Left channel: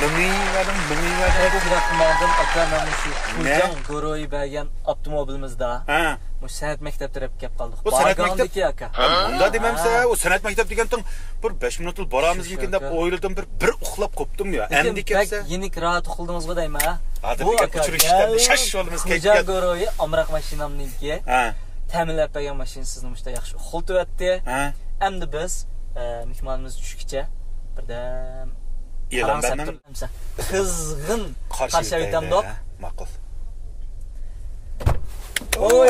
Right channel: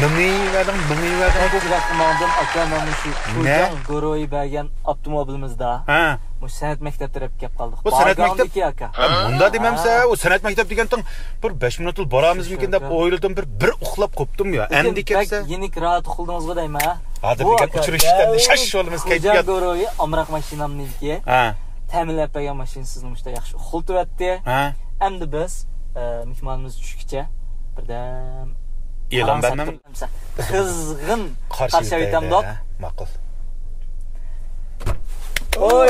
Nimiverdim bu. Yakınlardan akranamızı Kocan Goro'yu bergen avtomobilimizde. Bu sanat mektep tarafı kep kaldık. Bu sanat mektep bunda dememse o sanat mektep degandan bir 5 minutul boramız mümkün deb o'yladim bir uxlab qopdim ya. Endi kelsa yenik rahat uxildingizga deymi ha? Hozir degan uchirishdan shash olimiz kayfiyat. Kocan Goro'yu amroq mashinamniki. Ta'minlab bergan mashina sizni mushta yaxshi uxiltibyapti. Endi biz mehmonimiz tushguncha birdan e'lon bermam. Qizg'in qarshi aytamdoq. Ma'qul. Oy,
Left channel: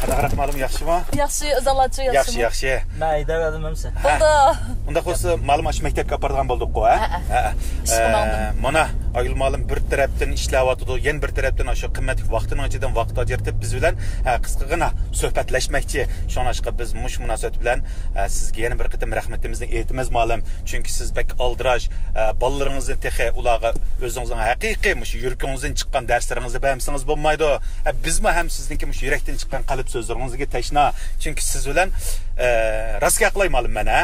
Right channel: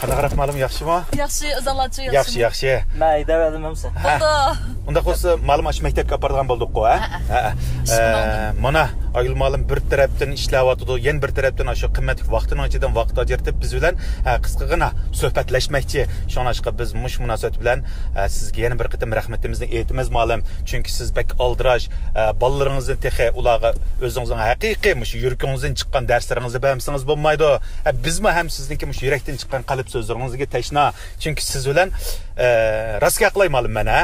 Qanaqa ma'lum yaxshimi? Yaxshi, izolatsiya yaxshimi? Yaxshi. Mayda verdim hamsa. Bo'ldi. Unda qo'sa ma'lum ash maktabga borgan bo'ldik-ku, ha? Mana Aygül ma'lum bir tarafdan ishlayotdi, yana bir tarafdan shu qimmatli vaqtini ichidan vaqt ajratib biz bilan qisqagina suhbatlashmoqchi. Shunashqa biz mush munosabat bilan sizga yana bir qitim rahmatimizni aytamiz ma'lum. Chunki siz bak aldirash bolalaringizni texi ularga o'zingizning haqiqiy mush yuragingizdan chiqqan darslaringizni bersangiz bo'lmaydi. Bizmi ham sizniki mush yurakdan chiqqan qalb so'zlaringizga tashna. Chunki siz bilan rostga qilay ma'lum mana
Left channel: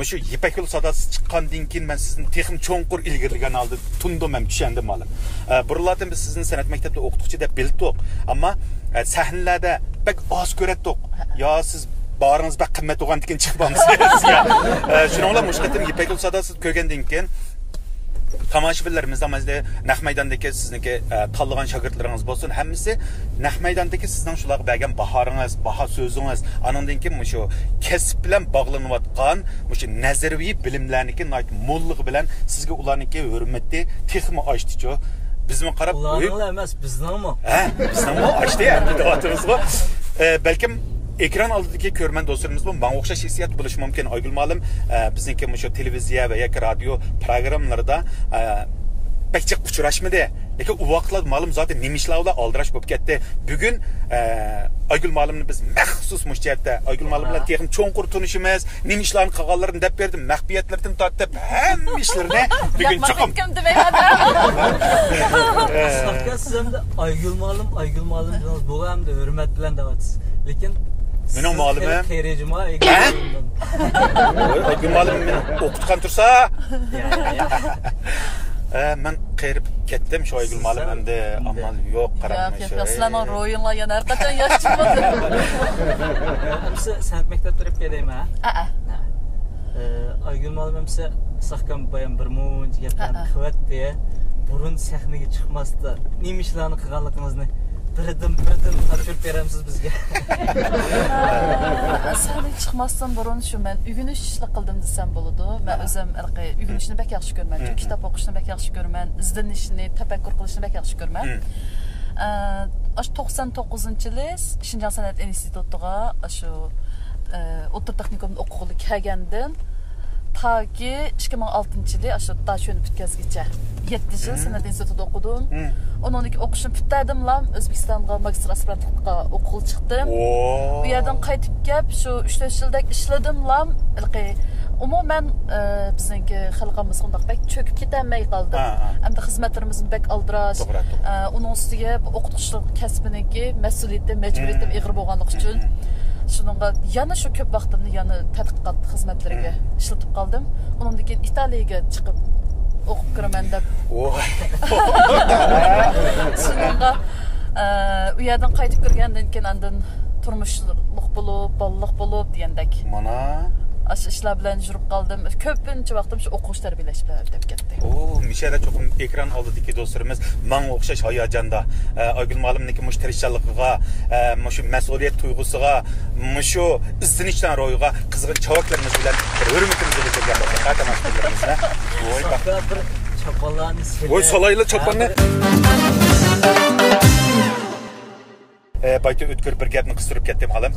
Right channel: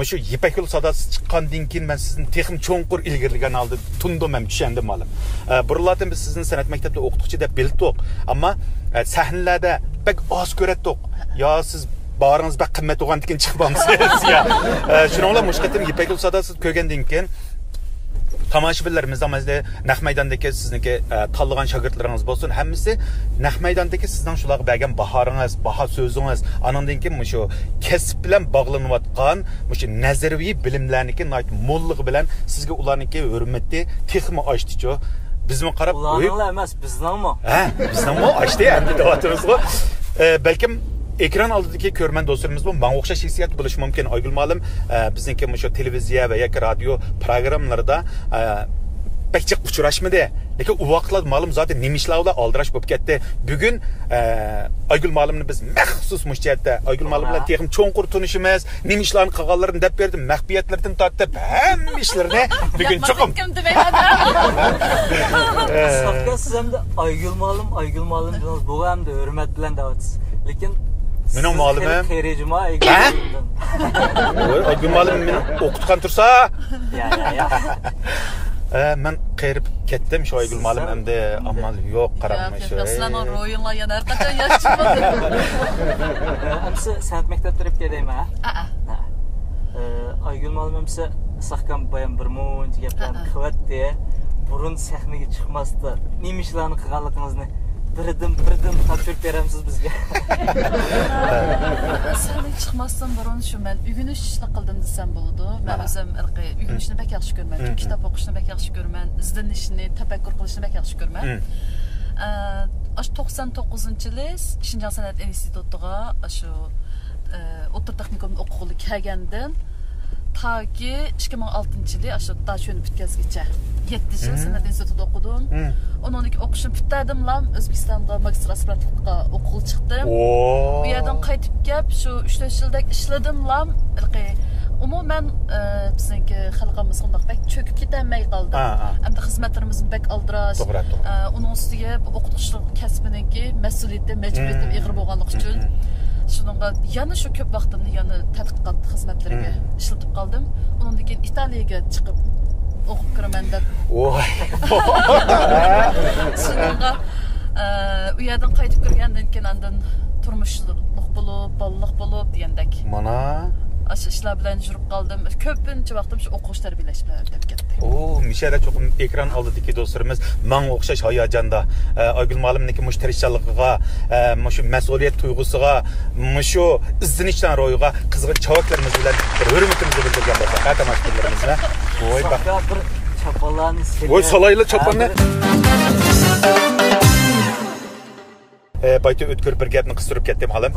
Muşu Yipak Yo'l sadasi chiqqandan keyin men sizni texim cho'nqur ilgirligan oldi tundim ham tushandim ma'lum. Burlardan biz sizni san'at maktabida o'qituvchi deb bildik, ammo sahnalarda bak oz ko'ratdik. Yo siz baringiz bak qimmat bo'lgandan keyin chiqib olmaysiz ya. Shuningla mushqatim Yipak Yo'l sadasi ko'rgandan keyin tomoshabinlarimizdan mazda naq maydondagi sizniki tanlagan shogirdlaringiz bo'lsin, hammasi naq maydondagi sizning shularga bergan bahoringiz, baho so'zingiz, anondan keyin shu kasb bilan bog'lanayotgan shu nazariy bilimlarniki mo'lligi bilan sizga ularniki hurmatni texmi ochdichu. Bizmi qarab, ularning emas, bizningmi? Bizningmi ochdi endi deyapmiz-ku. Balkim ekran oldidagi ko'rman do'stlarimiz bu menga o'xshash hissiyat bo'lishi mumkin. Aygül ma'lum bizniki shu televiziya va yoki radio programmalarida pekçik uçuraşmadı. Lekin u vaqtlar ma'lum zaten nemishlarla aldirash bo'lib ketdi. Bugun Aygül ma'lumni biz maxsus mushjatda Aygül ma'lum bilan texim cho'nqur tunishimiz, nemishlarni qilganlarini deb berdim, maxfiyatlardan tortib hamma ishlarni bugun chiqim. Saqqa siz ham Aygül ma'lum bilan bu ham da hurmat bilan davatsiz. Lekin mening ma'lumim xayrejima Aygül ma'lum meni o'qitgan tursa men qayirib ketdim shu Aygül ma'lum endi amal yo'q qaramay shu. Sizlarning ro'yinlar yana har qachon yaxshi bo'ldi. Siz san'at maktabida o'qib keldingmi? Aygül ma'lum hamsa saqam bayan bir muncha gaplarni qilyapti. Burun sahnaga chiqmasdi. Nima ishlarni qilganligingizni birdim topshirib beramsiz bizga. Sahnaga chiqmasdan burun shu men uyg'unish qildim desam bo'ladi. Men o'zim uyg'unishni bak yaxshi ko'raman. Kitob o'qishni bak yaxshi ko'raman. Izlanishni, tafakkur qilishni bak yaxshi ko'raman. 99-yil Shinjon san'at institutiga shu o'rta texnikumda o'qig'ili kelgandan taki 2006-yili shu Dashoni bitkazgacha 7 yil san'at institutida o'qidim. Ondan o'qishim bitadimlam O'zbekistonga magistr aspirantlikka o'qib chiqdim. Bu yerdan qaytib kelib shu 3-4 yildak ishladimlam. Umuman bizniki xalqimiz shundoq bek cho'kib ketmay qoldi. Hamda xizmatlarimizni bek aldirash, uning ustiga o'qituvchilik kasbiniki mas'uliyati, majburiyati ig'ir bo'lganligi uchun shuningga yana shu ko'p vaqtimni yana tadqiqot xizmatlariga ishlatib qoldim. Undan keyin Italiyaga chiqib o'qib kiraman deb. Shuningga u yerdan qaytib kirgandan keyin andan turmushliq bo'lib, balliq bo'lib degandek. Mana ishlar bilan yurib qoldim. Ko'pincha vaqtim shu o'qish tarbiyalash bilan o'tib ketdi. Mishara cho'qim ekran oldidagi do'stlarimiz menga o'xshash hayajonda Aygül ma'lumniki mush tirishchiligiga, shu mas'uliyat tuyg'usiga, shu izlanishdan ro'yiga qizg'in chavaklarimiz bilan hurmatimizni bildirgan bo'lsak, tomoshabinlarimizga. Voy bak. Bir chaponlarni Voy salayli chaponni. Bayta o'tkir bir gapni qistirib ketdim halim.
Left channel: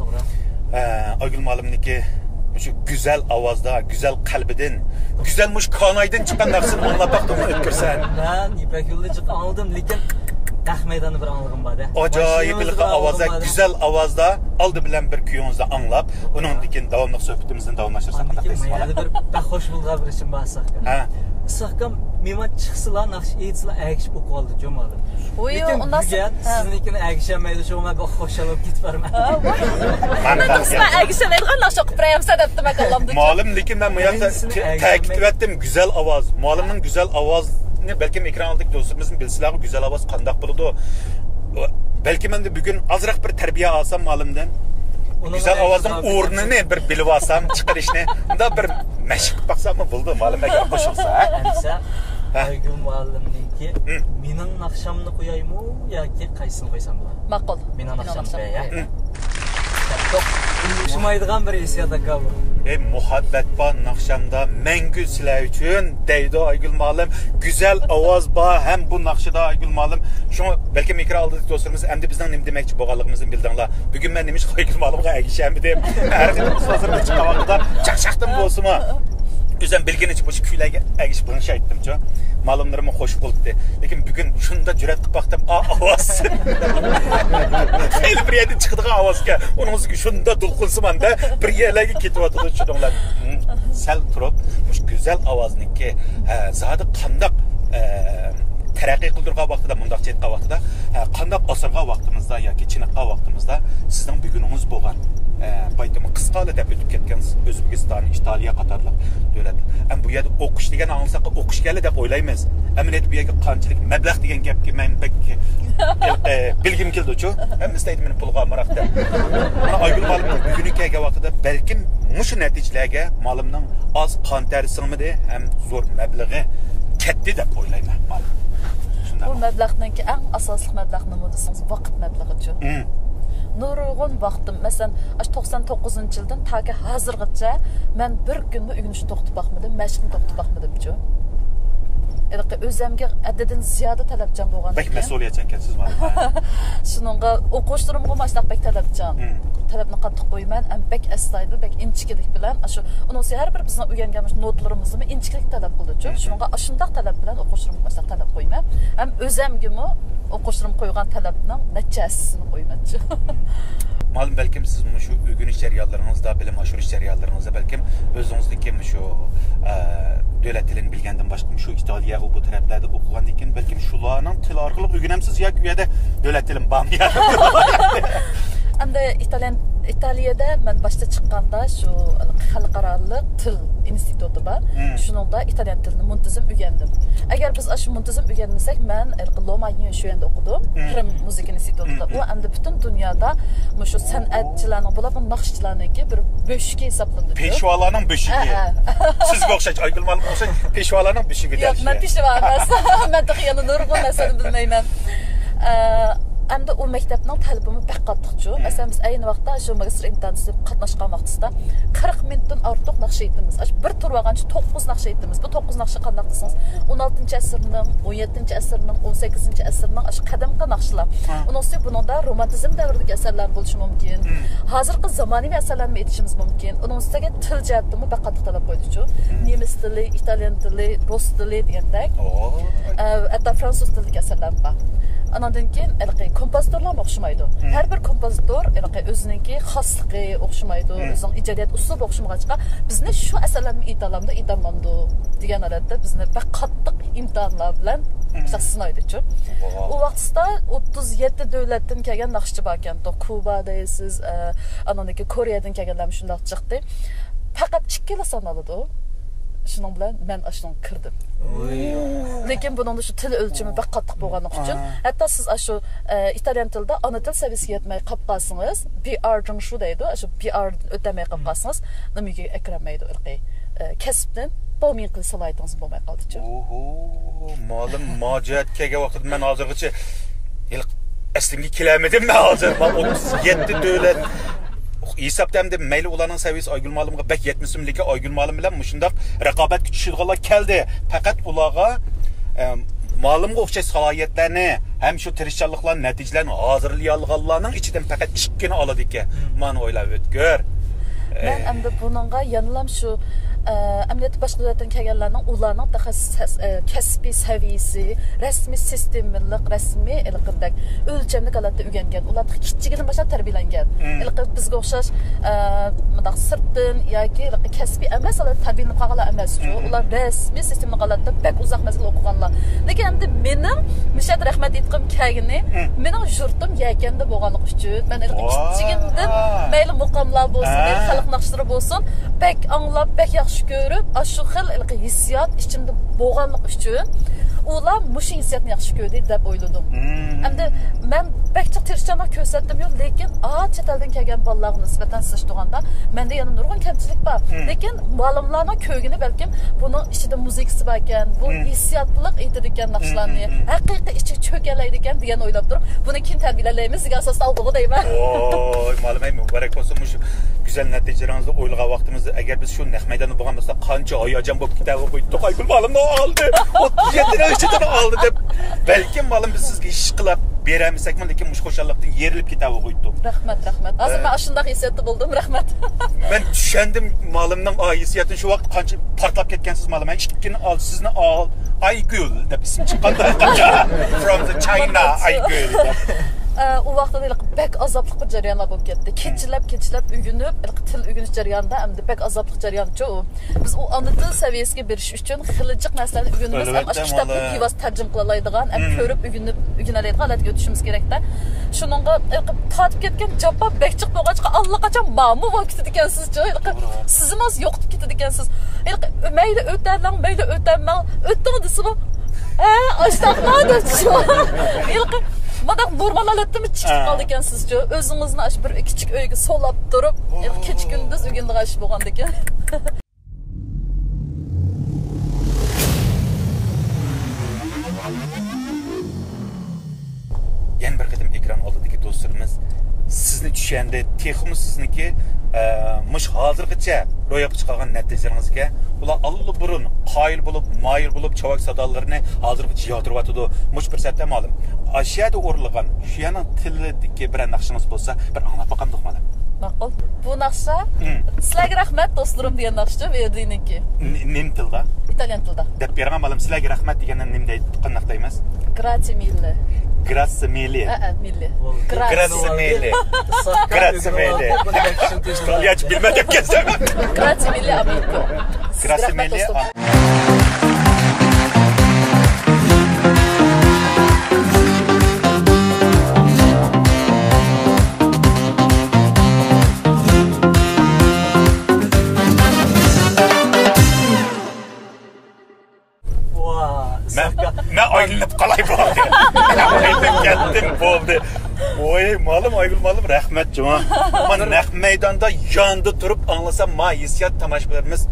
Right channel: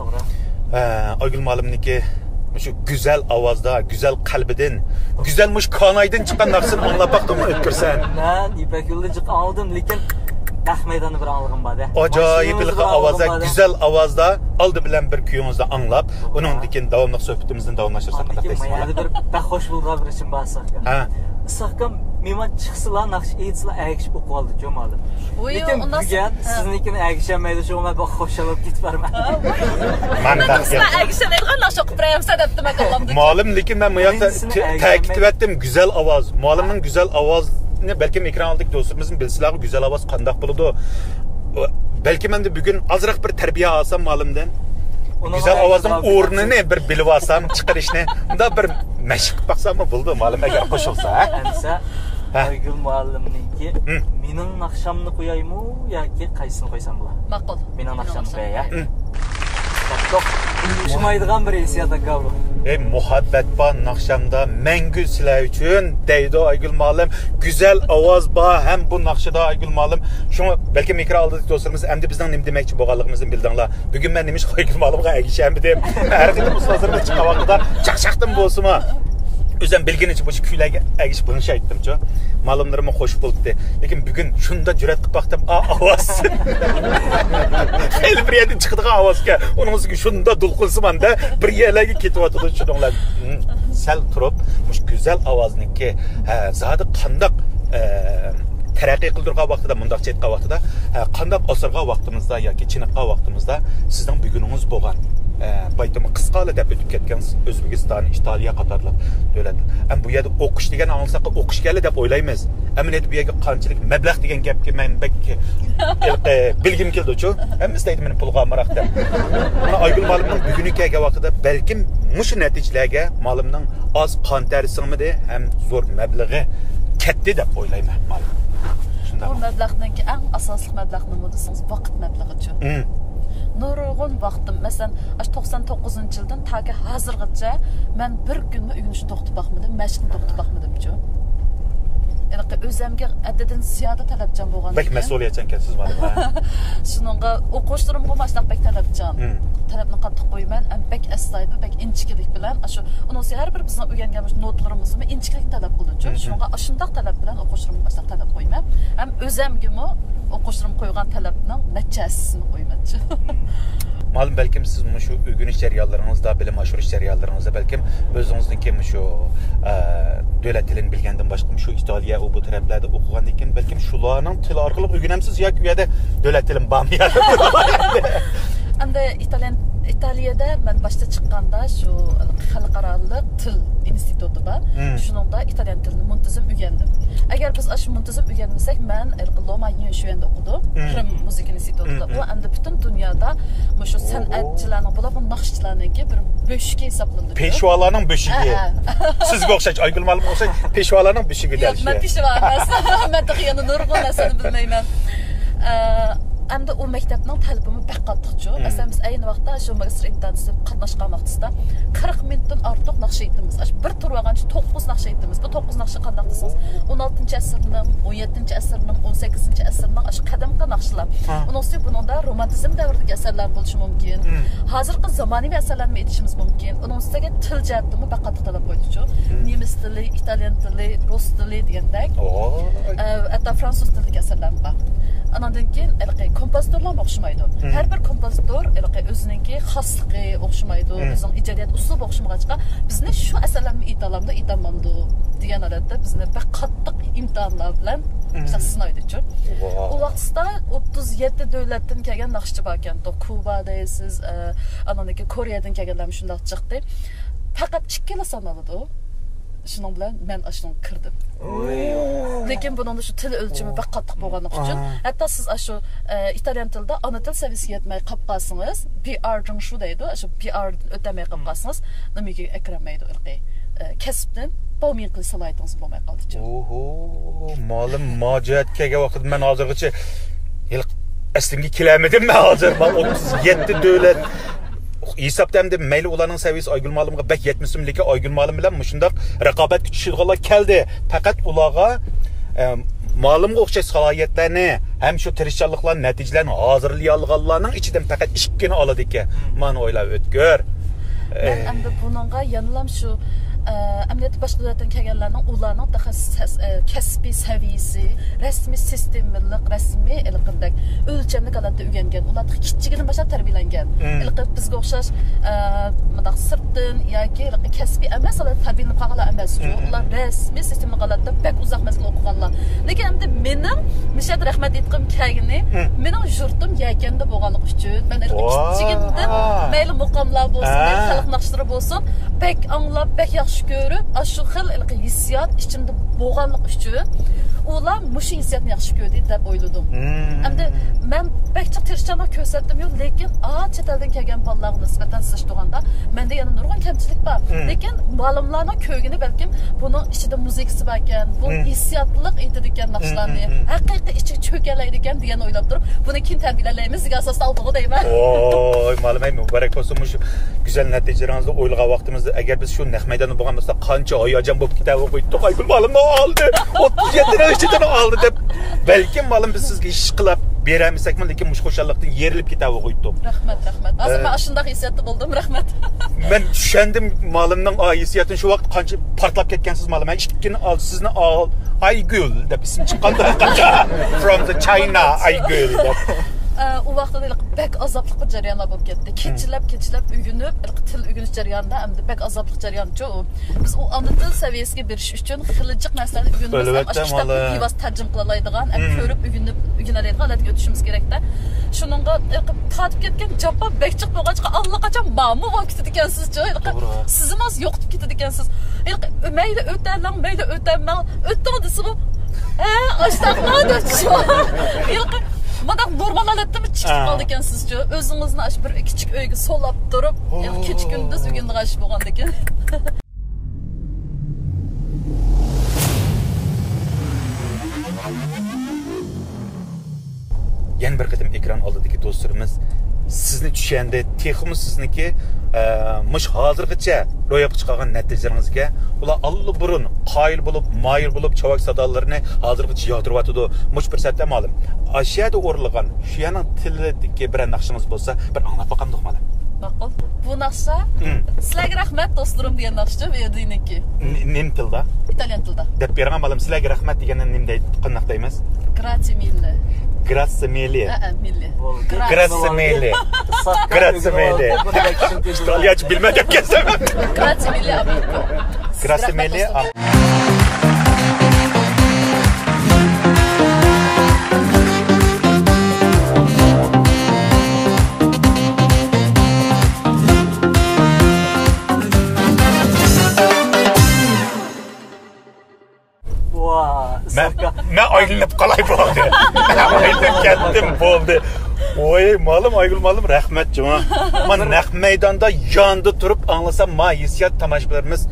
Aygül ma'lumniki şu güzel avazda, güzel kalbiden, güzel kanaydan çıkan narsını anlap baktın mı ötkürsen? Ben İpek Yol'dan aldım, lekin Naq meydanı bir anlığım var. Acayip bir avazda, güzel avazda aldı bilen bir kuyumuzu anlap, onun dikin davamlıq söhbətimizden davamlaşırsak qandaq deysiz bana? Bir hoş bulğan bir için bahsaqqa. Ha. Saqam mehman çıxsılar, naqş eğitsılar, əgişib oku aldı, cöm aldı. Oyu, ondan sonra... Sizinkini əgişəməydi, şu mən xoş alıb git var mən. Mən Nasıl əgişəməydi, naqş oku birəyəm sədət demək Allah'ım. Malum, lekin ben təkid ettim, güzel avaz. Malımın güzel avaz, belki ekran aldık dostumuzun bilsiləri güzel avaz qandaq buludu. Belki ben de bugün azraq bir tərbiyə alsam malımdan. Güzel avazın uğrunu bir bilib alsam, çıxır işini. Da bir məşq baxsam mı buldu malım əgər qoşulsa. Əmsə, Aygül müəllimninki, minin naqşamını qoyayım mı, ya ki qaysını qoysam bular? Maqul. Minin naqşamını qoyayım. Hoşumaydigan bir hissiyata qaldı. Muhabbet ba naqşamda məngü sizlər üçün deydi Aygül müəllim. Güzel avaz ba hem bu naqşada Aygül müəllim. Şunu belki mikro aldık dostlarımız hem de bizden ne demekçi boğalıqımızın bildiğinler. Bugün ben demiş Aygül müəllimə əgişəmdim. Hər gün ustazlarımız çıxan vaxtda çaqşaqdım bolsuma. Özüm bilgin için bu küylərə əgiş bunu şey etdim ço. Malımlarıma hoş buldu. Lekin bugün şunda cüret qıb baxdım. Avaz. Xeyli bir yerden çıxdığı avaz ki. Onun ki şunda dulqunsuman da bir yerlərə ketib atıdı şunlar. Sel turub, güzel avazın ki zadı qandaq tərəqqi qıldırğa vaxtıda, mundaqça etqa vaxtıda, qandaq asırğa vaxtımızda yoki çiniqqa vaxtımızda sizden bugününüz boğan. Baytamı qısqalı deb ötüb ketgan Özbekistan, İtaliya qatarlıq dövlətlər. Am bu yerdə oxuş degan anılsaq oxuş gəli deb oylaymiz. Əminət bu yerə qançılıq məbləğ degan gəpki mən bəlkə bilgim keldi ço. Hem istəydim məni pulğa maraqda. Mana Aygül müəllimning bugünkü vaxtida bəlkə muş nəticələrə malımның az qan tərisinimi hem zor məbləği ketdi deb oylayman malım. Bu məbləğdənki ən əsaslı məbləğ nə desəniz vaqt məbləğidir. Nurgun vaxtım, məsələn, 99-cu ildən ta ki hazırgacha mən bir günmü ügünüşünü toxtub baxmadım, məşqini toxtub baxmadım ki. Yəni özümə ədədin ziyadə tələbcan bolğan. Bək məsuliyyətçən kəsiz malım. Şununğa oxuşturumğa başlaq bək tələbcan. Tələbni qatıq qoyman, bək əstaydı, bək inçikilik bilən, aşı onun hər bir bizdən öyrənmiş notlarımızı inçikilik tələb qıldı. Şununğa aşındaq tələb bilən oxuşturumğa başlaq tələb qoyman. Həm özümə oxuşturum qoyğan tələbinin nəticəsini qoymancı. Malum belki siz şu ögünüş cəriyallarınızda, bilim aşırış cəriyallarınızda belki özünüzdeki şu dövlət dilini bilgəndən başqa şu İtaliya bu tərəflərdə oxuğan dikin belki şularının til arqılıq ögünəmsiz ya güyədə dövlət dilin bağımlıyadı. Hem de İtalya'da ben başta çıkkanda şu Xalqaralıq Til İnstitutu var. Şununda İtalyan dilini muntazam öğrendim. Eğer biz aşı muntazam öğrenmesek ben Loma'nın şu yanda okudum. Kırım Müzik İnstitutu'da. O hem de bütün dünyada şu sanatçıların bu nakşçıların ki bir böşüge hesaplandı. Peşvalarının böşüge. Siz qoxşaç Aygül müəllim olsa peşvalarının böşüge der. Yok ben peşva emas. Ben de yanı nurgun mesele bilmeyim. Hem de o məktəbinin tələbimi bək qatdıqçı. Məsələn, biz eyni vaxtda şu magistr imtahanı qatnaşqan vaxtısında 40 minutdan artıq naqşa etdimiz. Bir tur vaqançı 9 naqşa etdimiz. Bu 9 naqşa qandaq desiniz? 16-cı əsrinin, 17-ci əsrinin, 18-ci əsrinin aşı qədimki naqşılar. Onun üstü bunun da romantizm dövründəki əsərlər buluşu mümkün. Hazırki zamanivi əsərlərə etişimiz mümkün. Onun üstüge til cəhətimi bək qatdıq tələb qoyduqçu. Nemis dili, İtalyan dili, Rus dili deyəndək. Hətta fransız dillik əsərlər var. Anandan keyin kompozitörlər oxşumaydı. Hər bir kompozitör özününki xaslığı oxşumaydı, özünün icadiyat uslubu oxşumağaçqa bizni şu əsərlərimi italamda itamandı degan alatda bizni bək qattiq imtahanlar bilan sınaydı. O vaxtda 37 dövlətdən gələn naqşçı var ekan. Kuba deysiz, anandakı Koreyadan gələnlər şundaq çıxdı. Faqat 2 il sanalıdı. Şunun bilan mən aşının kırdım. Lekin bunun da şu til ölçümü bək qattiq bolğanlıq üçün. Hətta siz şu İtalyan tildə ana til səviyyəsi yetməy qap qalsınız, PR-cın şu deydi, şu PR ötəməy qap qalsınız, nimiga əkrəməydi ırqi. Kəsbdən bolmayan qıl salaydınız bolmay qaldı. Oho, malum macətkəgə vaxtda mən hazırgıçı əslimgi kiləmədim mən hazır. 37 dövlət hesapdamda meyli olanın səviyyəsi Aygül müəllimə bək yetmisim lekin Aygül müəllim bilan müşündaq rəqabət küçüşüdüqlar gəldi. Fəqət ulağa müəllimə oxşay səlahiyyətlərini, həm şu tirişçanlıqların nəticələrini hazırlayalğanların içidən fəqət 2 aladı ki, mən oylab ötgör. Mən həm də bununla yanılam şu Əməliyyat başqa dövlətdən gələnlərinin onların daha kəsbi səviyyəsi, rəsmi sistemlik, rəsmi eləqindək ölçəmli qalatda öyrənən, ular kiçigindən başlab tərbiyələnən. Elə bizə oxşar mədə sırtdan yoki kəsbi emas, ular tərbiyələnib qalğanlar emas. Ular rəsmi sistemli qalatda bək uzaq məsələ oxuğanlar. Lakin əmdə mənim Müşəd rəhmət etdiyim kəyini, mənim yurtum yəgəndə bolğanlıq üçün, mən elə kiçigindən məyli muqamlar bolsun, məyli xalq naxışları bolsun, bək anlab, bək yaxşı görüb, aşı xil hissiyat içində bolğanlıq üçün ular muşu hissiyatını yaxşı gördü deb oyladım. Əmdə mən bək çox tirişçanlıq göstərdim yox, lakin chet eldən gələn balalarga nisbətən sıçdığanda məndə yana nurgun kəmçilik var. Lakin müəllimlərin köygünü bəlkə bunun içində musiqisi var ekan, bu hissiyatlıq edirkən naxışlarını, həqiqi içi çökələydikan deyə oylab durub, bunu kim tərbiyələyimiz deyə əsas aldığı deyim. Oy, müəllim mübarək olsun şu güzel nəticələrinizdə oylağa vaxtımızda əgər biz şu nəq meydanı bolğanmasa qancha ayacan bu kitabı qoyduq. Aygül müəllim nə aldı? 37 ölçüdən aldı deb. Bəlkə müəllim biz sizə iş qılıb berəmisəkmi, lakin muş xoşallıqdan yerilib kitabı qoyduq. Rəhmət. Hazır mən aşındaq hissiyatda buldum. Rəhmət. Mən düşəndim müəllimnin hissiyatını şu vaxt qancha partlab ketgansiz müəllim. Mən işkini al, sizni al. Aygül deb isim çıxanda from the China Aygül deb. O vaxtda da bək azablıq bir cəryanlar olub getdi. Keçilib ügünüb, til ügünüş cəryanında həm də bək azablıq cəryanı o. Biz o ana dil səviyyəsinə biriş üçün xilciq məsələni ügünümüz, həm kitabı pivas tərcüm qılalaydıgan, həm körüb ügünələydigan alət götüşümüz kerekdə. Şununla tatib ketken cavab bəkçiq boğaçqa allaqaçan mamu vaxt etkənsiz. Sizin az yoxdur ketdikənsiz. Məylə ötərlən, məylə ötərmən, ötdüğün disi bu. Aştaqlar dötüşü. Madaq normal aletdə çıxıb qaldı ekan sizcə? Özünüzni aş bir kiçik öygə solab durub, keçik gündüz ügündə qaşıb bolğanda ekan. Yana bir qatam ekran oldidagi do'stlarimiz sizni tushanda texmi sizniki mush hozirgacha ro'yobga chiqqan natijalaringizga ular allburun qoyil bo'lib, mayil bo'lib chavak sadolarini hozirgacha yotiryotdi. Mush bir satda ma'lum. Ashiyada o'rilgan shuyaning tilidagi bir naqshingiz bo'lsa, bir anglab boqamdiq mana. Ma'qul. Bu naqsha sizlarga rahmat do'stlarim degan naqsha verdiniki. Nim tilda? Italyan tilda. Deb bergan ma'lum sizlarga rahmat deganni nim deydi, qanday deymiz? Grazie mille. Grazie mille. Mille. Grazie mille. Grazie mille. İtalyanca bilmeden kesem. Grazie mille amico. Grazie mille. Ben ayrılıp kalay oldu. Ayrılıp geldim oldu. Oy malım Aygül malım rahmet cuma. Ama naq meydanda yandı durup anlasam ma hissiyat tamaşalarımız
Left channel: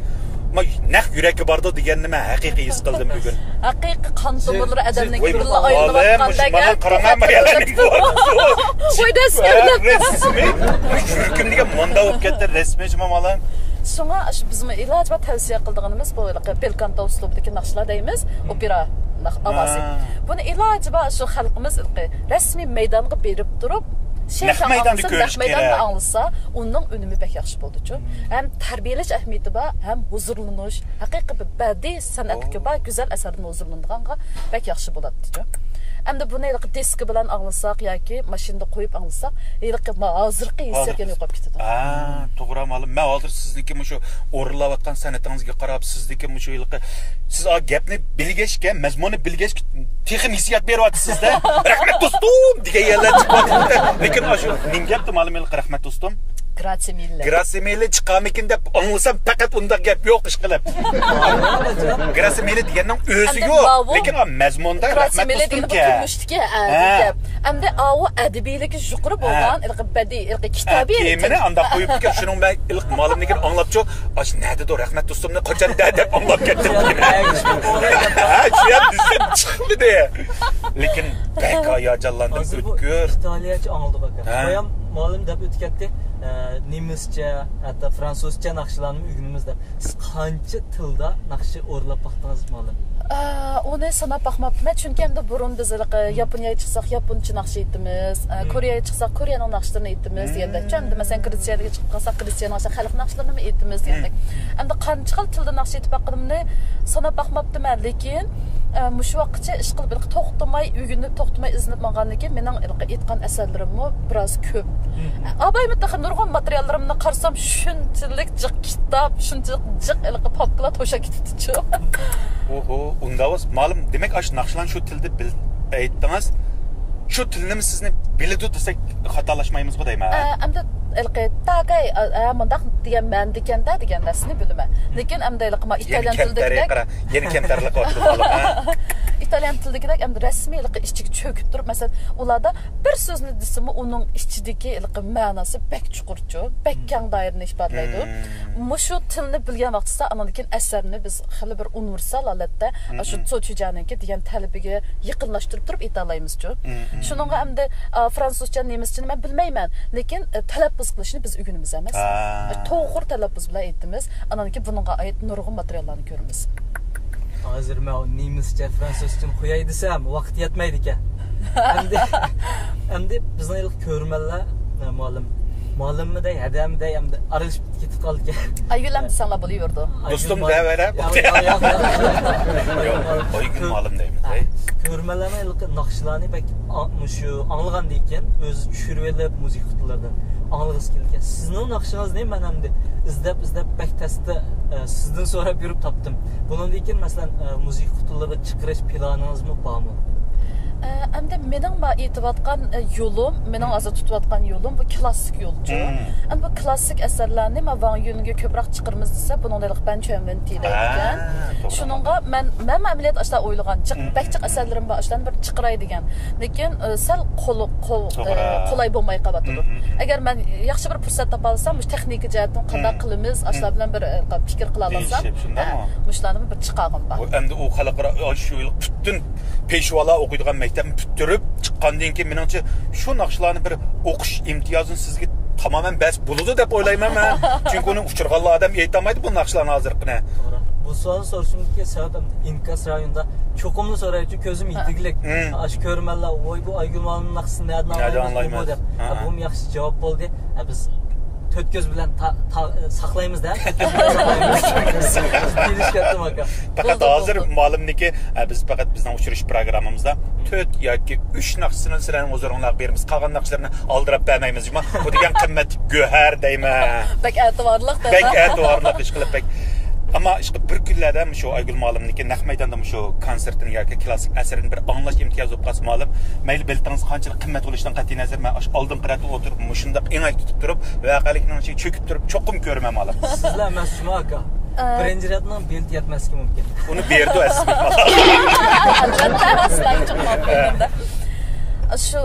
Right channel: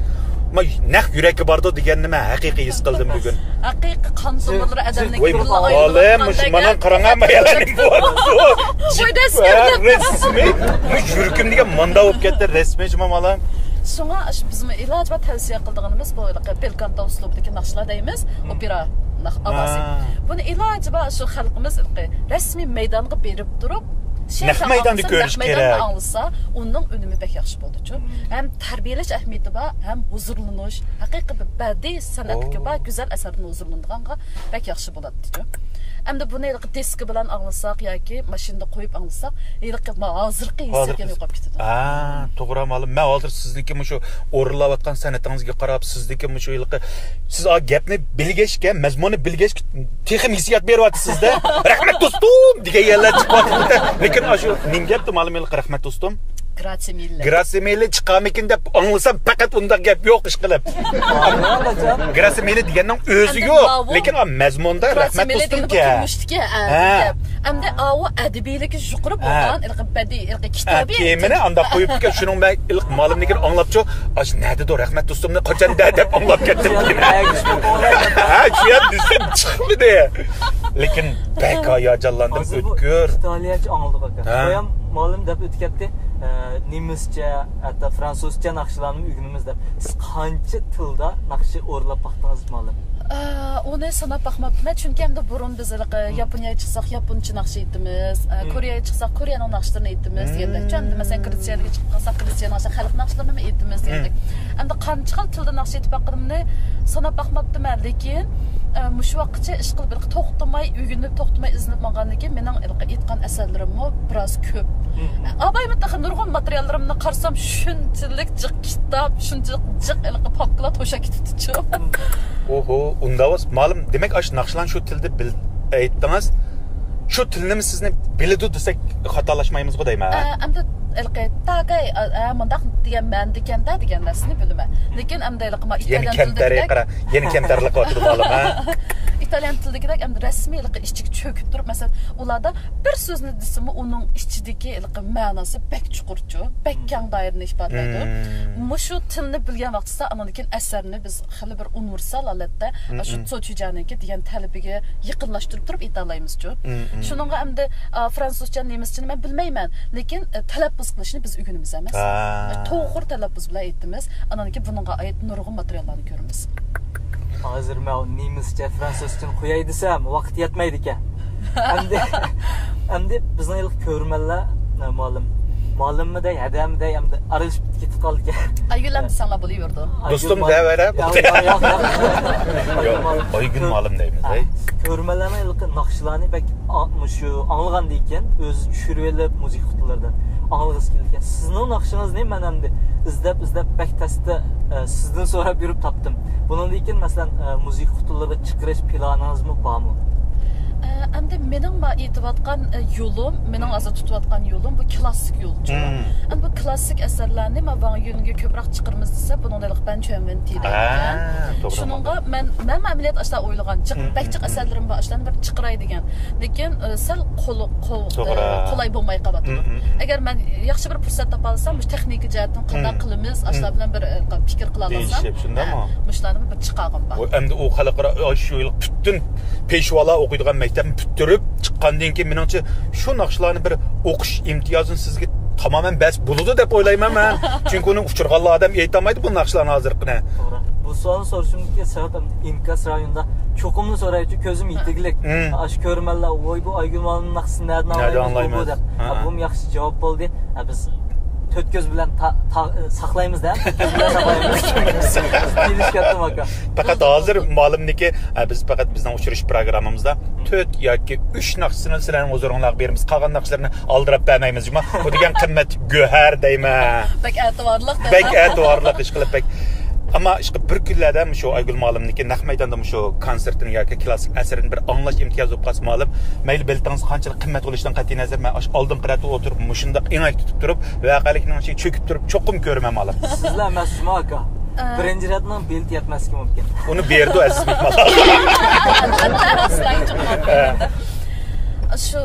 ma naq yüreki bardı degenime haqiqiy his qildim bugun. Haqiqiy qon tomirlari adamning kurla ayrılib mana qarangamayalarning bu. Resmi. Yürküm degan manda bo'lib ketdi resmi cuma malım. Şuna bizim ilacı ve tavsiye kıldığımız bu belkanta uslubidagi naqshlar deymiz, opera avasi. Bunu ilacı ve şu xalqimiz resmi meydanga berib turib, naq meydanda ko'rish kerak. Anlasa, onun önümü bək yaxşı boldu. Hem tərbiyələş əhəmiyyəti var, hem huzurlanış, haqiqi bir bədii sənətə var, gözəl əsərdən huzurlandığanğa bək yaxşı boladı. Hem de bunu diski bilen anlasak ya ki maşında koyup anlasak hazırki hissiyatını yoqab ketadi. To'g'ri ma'lum. Men hozir sizniki shu o'rinlayotgan san'atingizga qarab sizniki shu siz gapni bilgachga, mazmunni bilgach texim hissiyat beryapsizda. Rahmat do'stum degan yerlar chiqyapti. Lekin shu nim gapdi ma'lum rahmat do'stum. Grazie mille. Grazie mille chiqamikin deb anlasam faqat unda gap yo'q ish qilib. Grazie mille deganning o'zi yo'q, lekin mazmunda rahmat do'stum gap. Hamda o adabiyligi yuqori bo'lgan, badiiy, kitobiy. Kemini anda qo'yib ketgan shuning men ilk ma'lumligini anglabchi, ash nada rahmat do'stumni qachon deb anglab ketdim. Ha, shu yer desam chiqmadi. Lekin bek hayajonlandim o'tkir. İtalyanca anladık aka. Qo'yam ma'lum deb o'tkatdi. Nemisçe, hatta Fransızca naqshlarni ügünümüz deb. Siz qancha tilda naqshi o'rlab baqdingiz ma'lum? Onu sanab baxmabman, chunki hamda burun biz Yaponiyaga chiqsak Yaponcha naqsh aytamiz, Koreyaga chiqsak Koreyaning naqshlarini aytamiz degandek. Hamda masalan Gretsiyaga chiqib qolsak Gretsiya naqshi, xalq naqshlarini aytamiz degandek. Endi qancha xil tilda naqsh aytib baqqanimni sanab baqmaptiman, lekin mush vaqtcha ish qilib to'xtamay, o'rganib, to'xtamay izinib mangandan keyin mening aytgan asarlarimni biroz ko'p. Abay mutaxan nurg'un materiallarimni qarsam shunchalik jiq kitob, shunchalik jiq papkalar to'sha ketibdi-chu. Oho, unda was ma'lum, demak ash naqshlan shu tilda aytdingiz. Shu tilni sizni biladi desak xatolashmaymiz-ku deyman. Endi taqay mundaq degan ma'noda ekanda degan narsani bilaman. Lekin endi italyan tilida yeni kamtarlik o'tdi ma'lum. İtalyan tilidagi endi rasmiylik ichiga cho'kib turib, masalan, ularda bir so'zni desimi uning ichidagi ma'nosi bek chuqurchu, bek keng doirani ifodalaydi. Mushu tilni bilgan vaqtda anandan asarni biz xili bir universal holatda shu so'chijaniki degan talabiga yaqinlashtirib turib aytalaymiz-chu. Shuningga endi fransuzcha, nemischani men bilmayman, lekin talaffuz qilishni biz o'rganamiz emas. To'g'ri talaffuz bilan aytamiz. Anandan buningga oid nurg'un materiallarni ko'ramiz. Hozir men nemischa, fransuzchani qo'yay desam, vaqt yetmaydi ekan. Endi bizning ilk ko'rmanlar ma'lummiday, adamday hamda aralashib ketib qoldi ekan. Aygülam desanglar bo'laverdi. Do'stim davara. Aygül ma'lum deymiz, ey. Ko'rmanlarni ilk naqshlarni bak shu anglagandan keyin o'zi tushirib olib musiqa qutilardan anglag'is kelgan. Sizning naqshingiz ne? Men hamda izlab bak testda sizdan so'rab yurib topdim. Bundan keyin masalan musiqa qutilarga chiqarish planingizmi bormi? Endi mening aytayotgan yo'lim, mening hozir tutayotgan yo'lim bu klassik yo'lchi. Endi bu klassik asarlarni men van yo'liga ko'proq chiqarmiz desa, buningdalik ben cho'min deydigan. Shuningga men amaliyat ashla o'ylagan, chiqbakchiq asarlarim bor, ashlan bir chiqaray degan. Lekin sal qulay bo'lmay qoladi. Agar men yaxshi bir fursat topa olsam, bu texnik jihatdan qanday qilamiz, ashlar bilan bir fikr qila olsam, mushlarni bir chiqag'im bor. Endi u xalqaro shu yil butun peshvolar o'qiydigan maktabni bitirib chiqqandan keyin menimcha shu naqshlarni bir o'qish imtiyozini sizga tamamen bas bo'ladi deb o'ylayman men. Chunki uni uchirganlar odam aytolmaydi bu naqshlarni hozirgina. Bu savolni sorishimga sabab inkas rayonida cho'qimli so'raychi ko'zim yetiglik. Ash ko'rmanlar voy bu Aygülmanning naqshini nerdan anlayman deb. Bu yaxshi javob bo'ldi. Biz to'rt ko'z bilan saqlaymiz-da. Faqat hozir ma'lumniki biz faqat bizning uchirish programmamizda 4 yoki 3 naqshini sizlarning o'zlaringizga beramiz. Qolgan naqshlarni oldirib bermaymiz. Bu degan qimmat go'har deyman. Bak e'tiborliq deb. Bak e'tiborliq ish qilib bak. Ama işte bir günlerden şu Aygül ma'lumniki naq maydonda şu konsertini yoki klassik asarini bir anglash imtiyozi bo'lib qolsa ma'lum, mayli biltangiz qanchalik qimmat bo'lishidan qat'iy nazar men oldin qirati o'tirib mushundaq engak tutib turib, voqelikning ichiga cho'kib turib cho'qim ko'raman ma'lum. Sizlar mas'ulmi aka? Birinchi ratning belti yetmasligi mumkin. Uni berdi aziz mehmon. Shu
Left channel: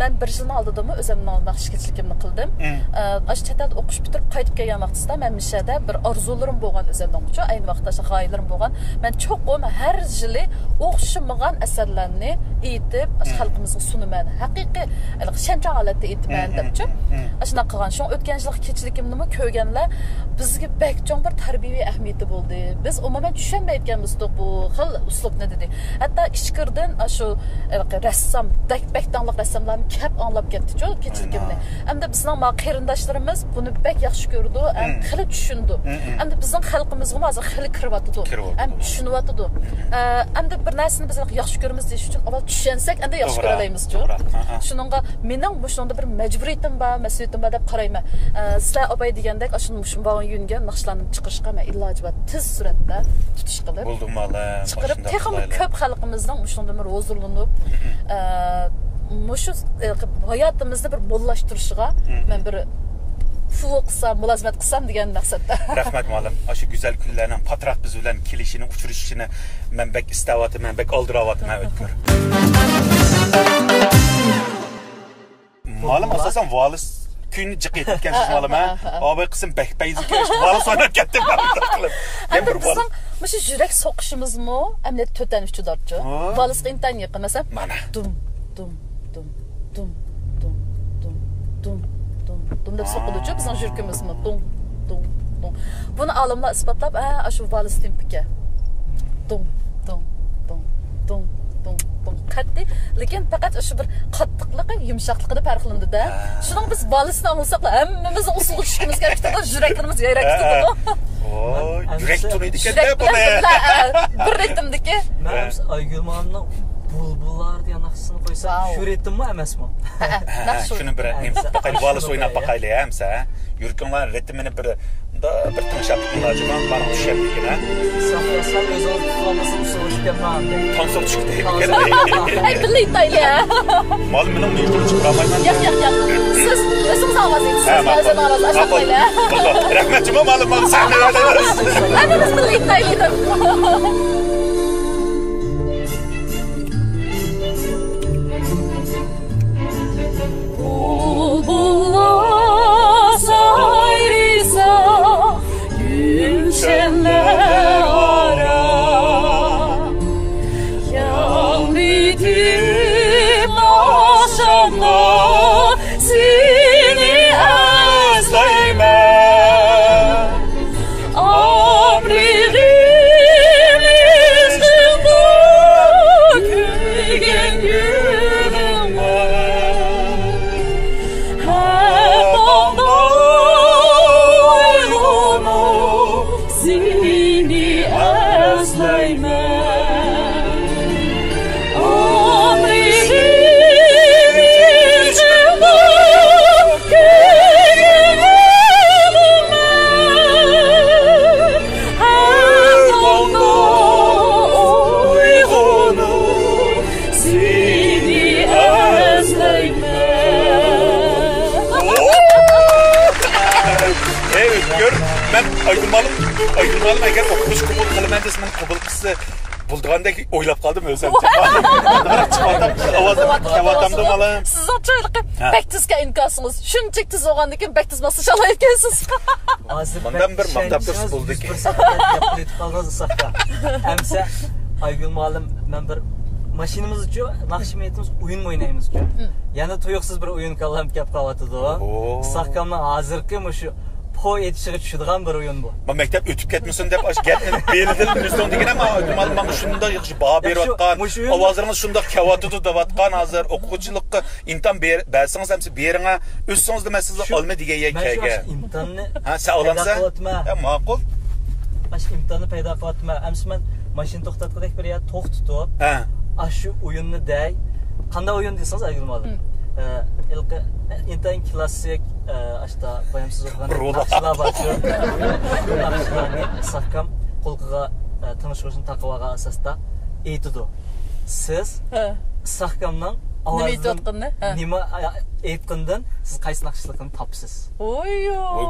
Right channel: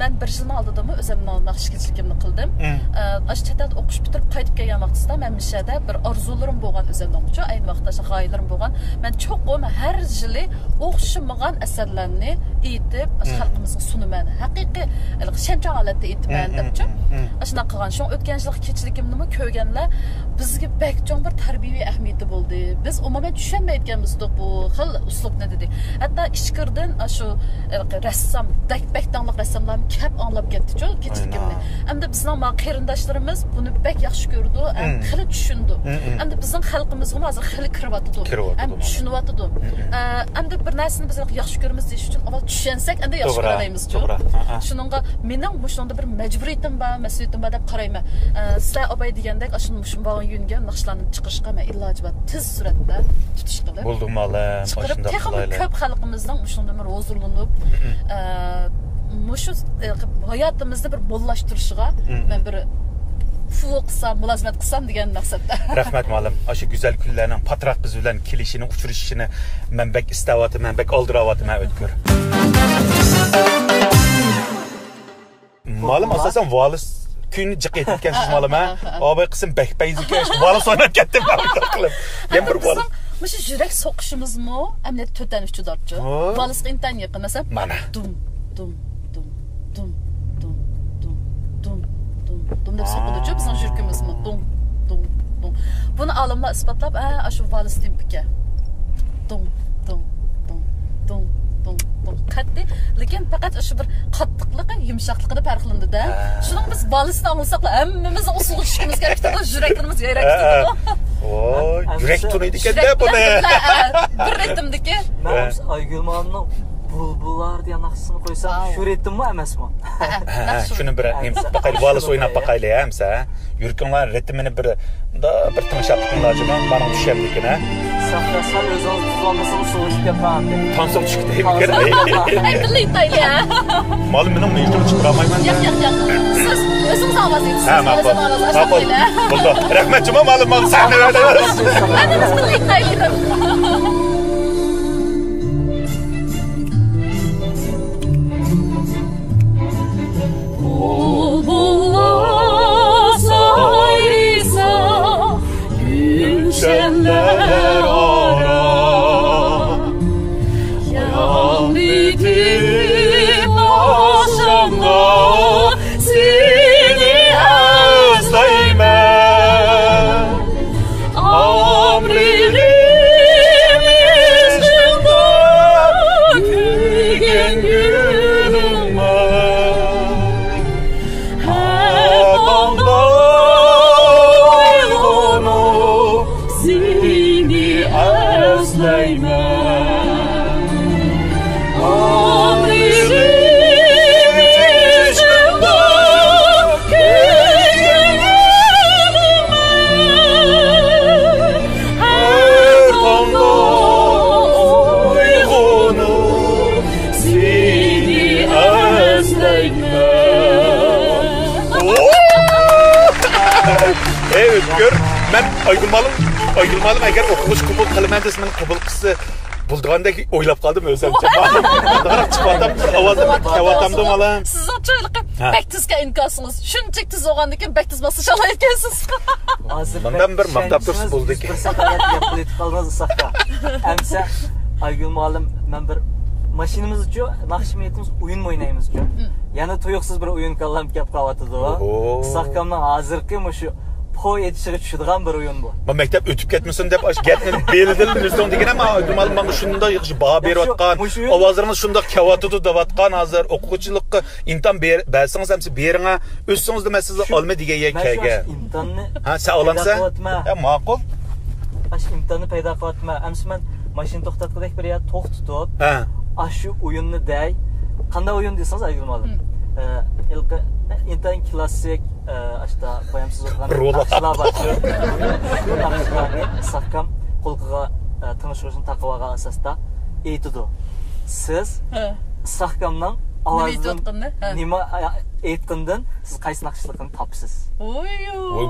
men bir yilning oldida o'zimning naqshchilikimni qildim. Ash chetda o'qish bitirib qaytib kelgan vaqtida men mishada bir orzularim bo'lgan o'zimning uchun, ayni vaqtda g'oyalarim bo'lgan. Men cho'qim har yili o'xshamagan asarlarni aytib, xalqimizga sunaman. Haqiqiy shanchon holatda aytman debchi. Shuna qilgan. Shu o'tgan yilgi kechilikimni ko'rganlar bizga bekjon bir tarbiyaviy ahamiyati bo'ldi. Biz umuman tushunmayotganmiz bu xil uslubni dedi. Hatto ichkirdan shu rassom, bekdanliq rassomlar kep anlab ketdi-ku kechilikimni. Endi bizning qarindoshlarimiz buni bek yaxshi ko'rdi, xili tushundi. Endi bizning xalqimizga hozir xili kiryapti. Endi tushunyapti. Endi bir narsani biz yaxshi ko'ramiz deyish uchun avval tushunsak, endi yaxshi ko'ralaymiz-ku. Shuningga mening shunda bir majburiyatim bor, mas'uliyatim bor deb qarayman. Sizlar obay degandek, shunday yo'nga naqshlarni chiqarishga men iloji bor tez suratda tutish qilib. Bo'ldi ma'lum. Chiqarib texnik ko'p xalqimizning shunday bir huzurlanib, mushu hayotimizni bir bo'llashtirishiga men bir fuqsam, mulozimat qilsam degan maqsadda. Rahmat ma'lum. Shu go'zal kunlarning patroq biz bilan kelishini, uchrashishini men bek istayotim, men bek oldiryapman o'tkir. Ma'lum asosan volis kun jiq etgansiz ma'lum ha. Obay qism bakpayziki volis o'ynab ketdi qilib. Men bir volis mushu yurak soqishimizmi? Amniyat to'tan uchidorchi. Volisga intan yaqin masab. Mana. Dum deb so'qiluvchi bizning yurkimizmi? Dum. Buni olimlar isbotlab, shu volis tempika. Dum. Qat'iy, lekin faqat shu bir qattiqligi, yumshoqligida farqlandi da. Shuning biz volisni olsak, hammamiz usul tushishimiz kerak, yuraklarimiz yayrak ketadi. Oy, yürek tunuydu kende bu ne? Bir ritmdeki. Ben Aygül Hanım'ın bulbullar diye naqsını koysam şu ritim mi emas mı? Şunu bir bakayım valis oynab bakaylı ya hamsa. Yürkünler ritmini bir tımışap tıkınlacıma bana düşerdikin ha. Safrasal öz oldu tutulmasını soğuk yapan. Tansal çıktı bir kere. Ay birlikte ya. Malum benim mecbur çıkaramayman. Yok. Siz özünüz avaz edirsiniz. Ha, maqul. Özün avaz aşağıdayla. Buldu. Rahmetçima malum sahnelerde. Hepimiz birlikte eyledim. Bulbullar sayrisa gülşenler ara yağmridim aşamda seni özleymen amririm izgimde külgen gülüme seni özleymen amririm izgimde külgenime her damla uygunu seni özleymen. Evet gör ben Aygülmalım eğer okumuş kubul kılmen desmen kubul kısı bulduğandaki oylap kaldım özlemce. Bana çıkmadım avatamdım alam. Siz açaylık bektizge inkasınız. Şunçik tiz oğandaki bektiz masış alayıpkensiz. Bundan bir maktaptır bulduk. Bir politik kalmaz sakta. Emse Aygül Malım ben bir maşinimiz uçuyor, nakşimiyetimiz oyun mu oynayımız uçuyor. Yani tuyuksuz bir oyun kallam kep kavatıdı o. Sakkamdan hazırkı mı şu po yetişiği düşüdüğen bir oyun bu. Ben mektep ötüp ketmesin dep aş getmedi belirli üstün degen ama Aygülmalım bana şunda bağ berip atkan, avazlarınız şunda kavatıdı davatkan hazır okuçılıkka imtan bersiniz hemsi berine üstünüzde ben sizi alma digeye kege. İmtanını Ha sen alansa? Ya makul. Baş imtanını payda kılatma. Emsi ben maşini toxtatqıdak bir yer tox tutup. Ha. Aşı oyununu dey. Qanday oyun deysiniz Aygül Malım? İlk intan klassik aşta qoyamsız oxugan naqshlar var. Naqshlarni saqqam qo'lqiga tanışırışın taqvaga asasda aytidi. Siz saqqamdan nima aytqandan siz qaysi naqshliqini topsiz. Oy